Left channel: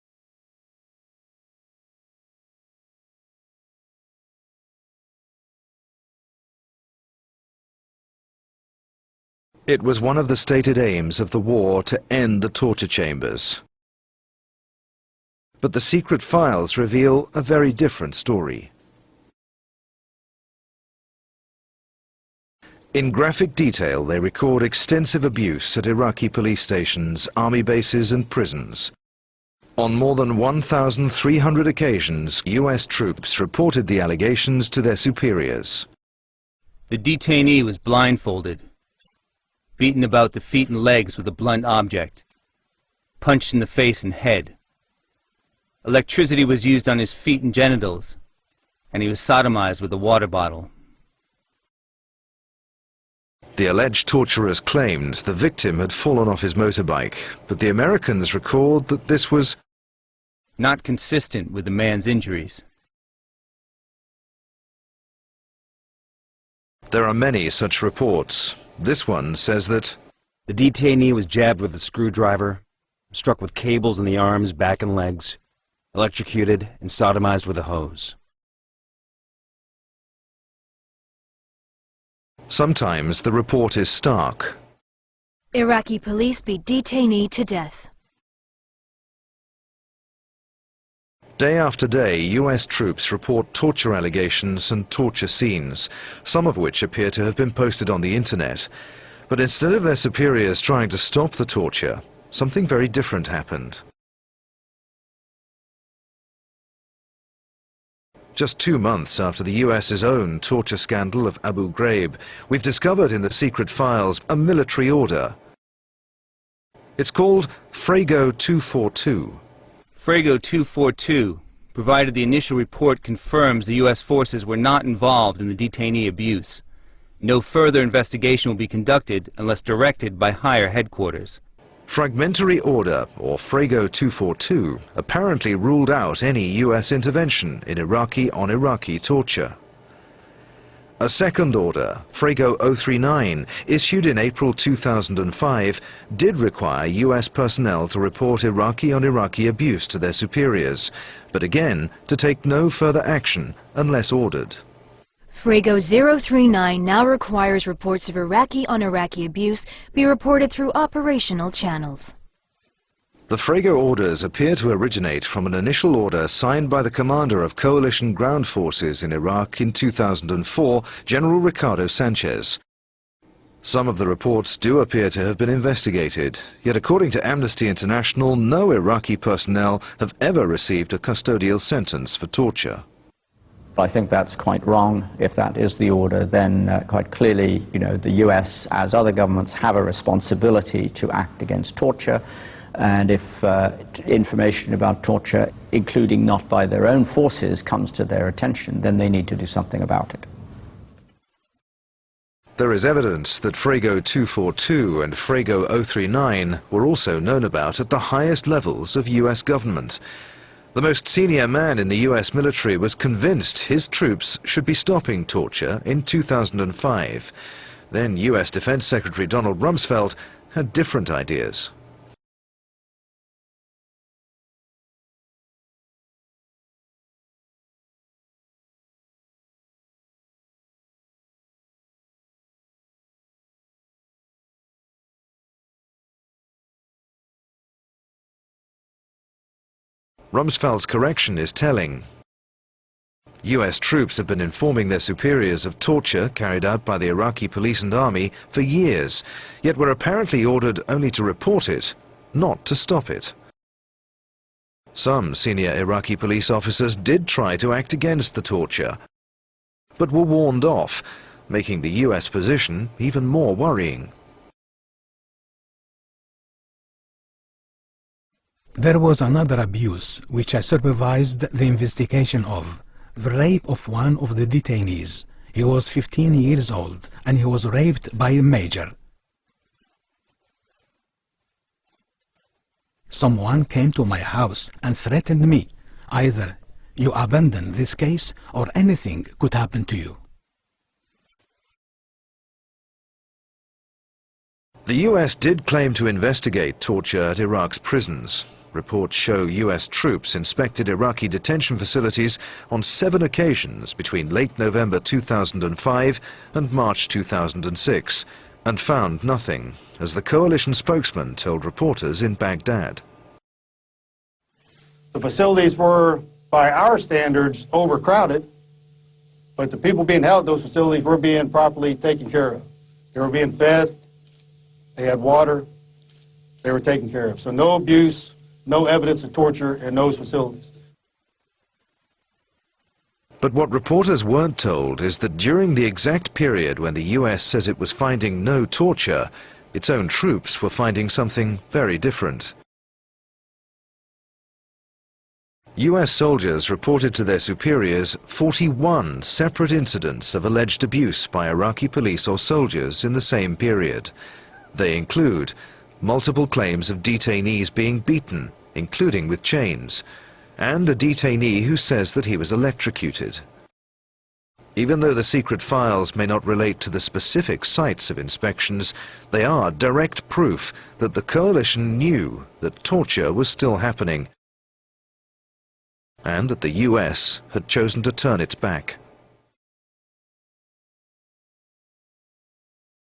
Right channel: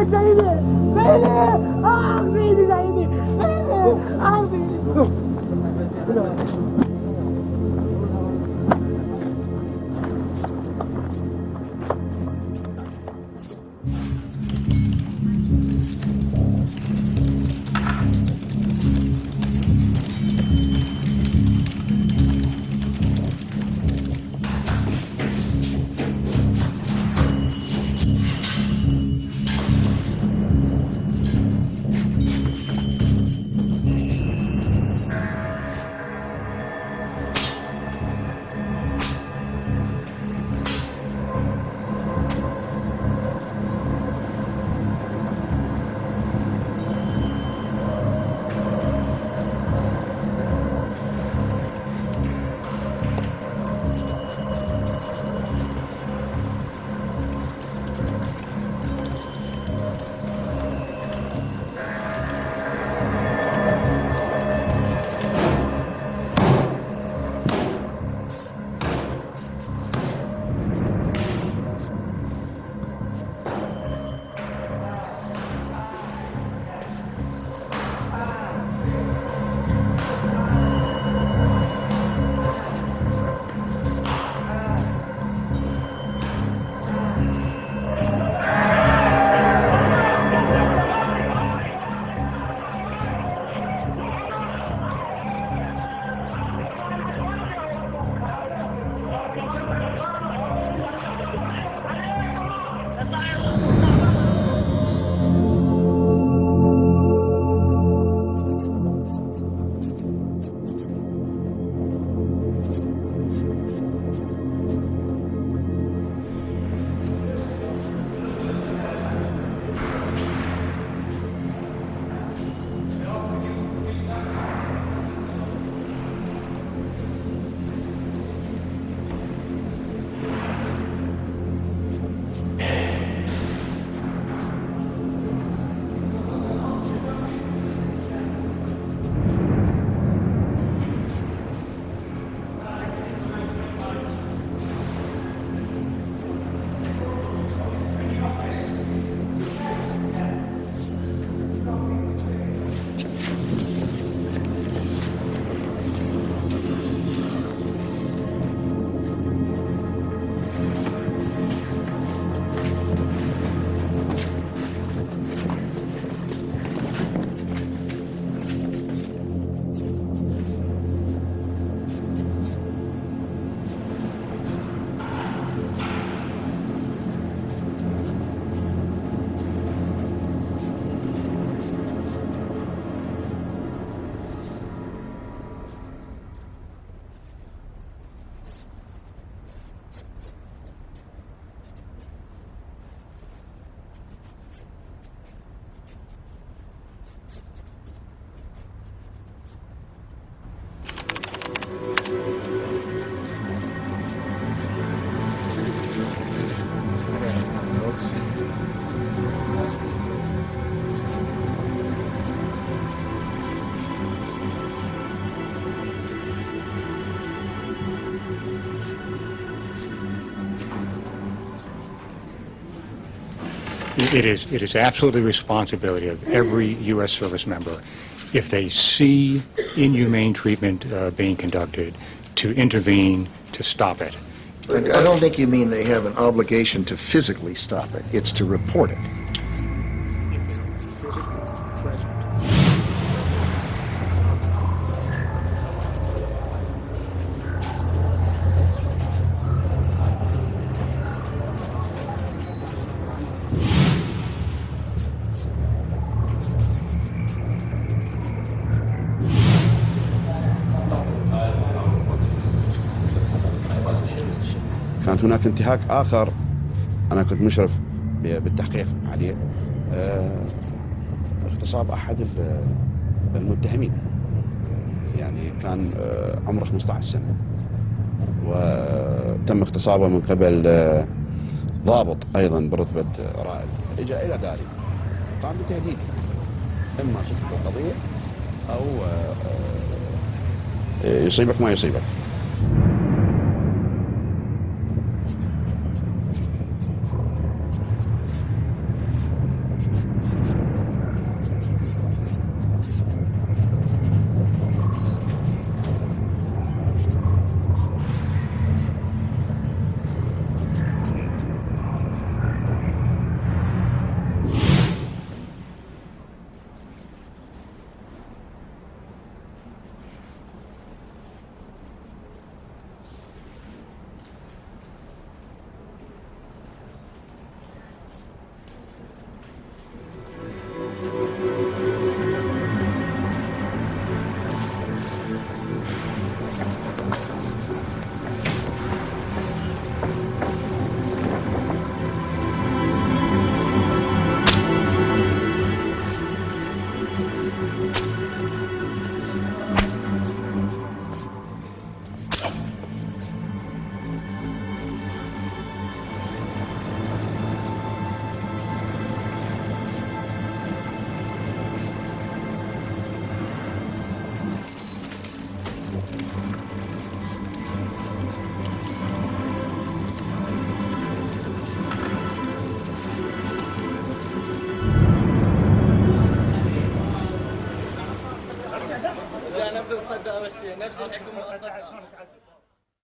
It was one of the stated aims of the war to end the torture chambers. But the secret files reveal a very different story. In graphic detail, they record extensive abuse at Iraqi police stations, army bases and prisons. On more than 1,300 occasions, US troops reported the allegations to their superiors. The detainee was blindfolded, beaten about the feet and legs with a blunt object, punched in the face and head. Electricity was used on his feet and genitals, and he was sodomized with a water bottle. The alleged torturers claimed the victim had fallen off his motorbike, but the Americans record that this was not consistent with the man's injuries. There are many such reports. This one says that the detainee was jabbed with a screwdriver, struck with cables in the arms, back, and legs, electrocuted, and sodomized with a hose. Sometimes the report is stark. Iraqi police beat detainee to death. Day after day, US troops report torture allegations and torture scenes, some of which appear to have been posted on the internet. But instead of their superiors trying to stop the torture, something very different happened. Just 2 months after the US's own torture scandal of Abu Ghraib, we've discovered in the secret files a military order. It's called Frago 242. Frago 242, provided the initial report confirms the U.S. forces were not involved in the detainee abuse. No further investigation will be conducted unless directed by higher headquarters. Fragmentary Order, or Frago 242, apparently ruled out any U.S. intervention in Iraqi-on-Iraqi torture. A second order, Frago 039, issued in April 2005, did require US personnel to report Iraqi-on-Iraqi abuse to their superiors, but again, to take no further action unless ordered. Frago 039 now requires reports of Iraqi-on-Iraqi abuse be reported through operational channels. The Frago orders appear to originate from an initial order signed by the commander of coalition ground forces in Iraq in 2004, General Ricardo Sanchez. Some of the reports do appear to have been investigated, yet according to Amnesty International, no Iraqi personnel have ever received a custodial sentence for torture. I think that's quite wrong. If that is the order, then quite clearly, the US, as other governments, have a responsibility to act against torture. And if information about torture, including not by their own forces, comes to their attention, then they need to do something about it. There is evidence that Frago 242 and Frago 039 were also known about at the highest levels of US government. The most senior man in the US military was convinced his troops should be stopping torture in 2005. Then US Defense Secretary Donald Rumsfeld had different ideas. It is absolutely the responsibility of every U.S. service member, if they see inhumane treatment being conducted, to intervene, to stop it. I don't think you mean they have an obligation to physically stop it. It's to report it. Rumsfeld's correction is telling. US troops have been informing their superiors of torture carried out by the Iraqi police and army for years, yet were apparently ordered only to report it, not to stop it. Some senior Iraqi police officers did try to act against the torture, but were warned off, making the US position even more worrying. There was another abuse which I supervised the investigation of, the rape of one of the detainees. He was 15 years old and he was raped by a major. Someone came to my house and threatened me. Either you abandon this case or anything could happen to you. The US did claim to investigate torture at Iraq's prisons, Reports show US troops inspected Iraqi detention facilities on 7 occasions between late November 2005 and March 2006, and found nothing, as the coalition spokesman told reporters in Baghdad. The facilities were, by our standards, overcrowded, but the people being held at those facilities were being properly taken care of. They were being fed, they had water, they were taken care of. So no abuse, no evidence of torture in those facilities. But what reporters weren't told is that during the exact period when the US says it was finding no torture, its own troops were finding something very different. US soldiers reported to their superiors 41 separate incidents of alleged abuse by Iraqi police or soldiers in the same period. They include multiple claims of detainees being beaten, including with chains, and a detainee who says that he was electrocuted. Even though the secret files may not relate to the specific sites of inspections, they are direct proof that the coalition knew that torture was still happening, and that the US had chosen to turn its back.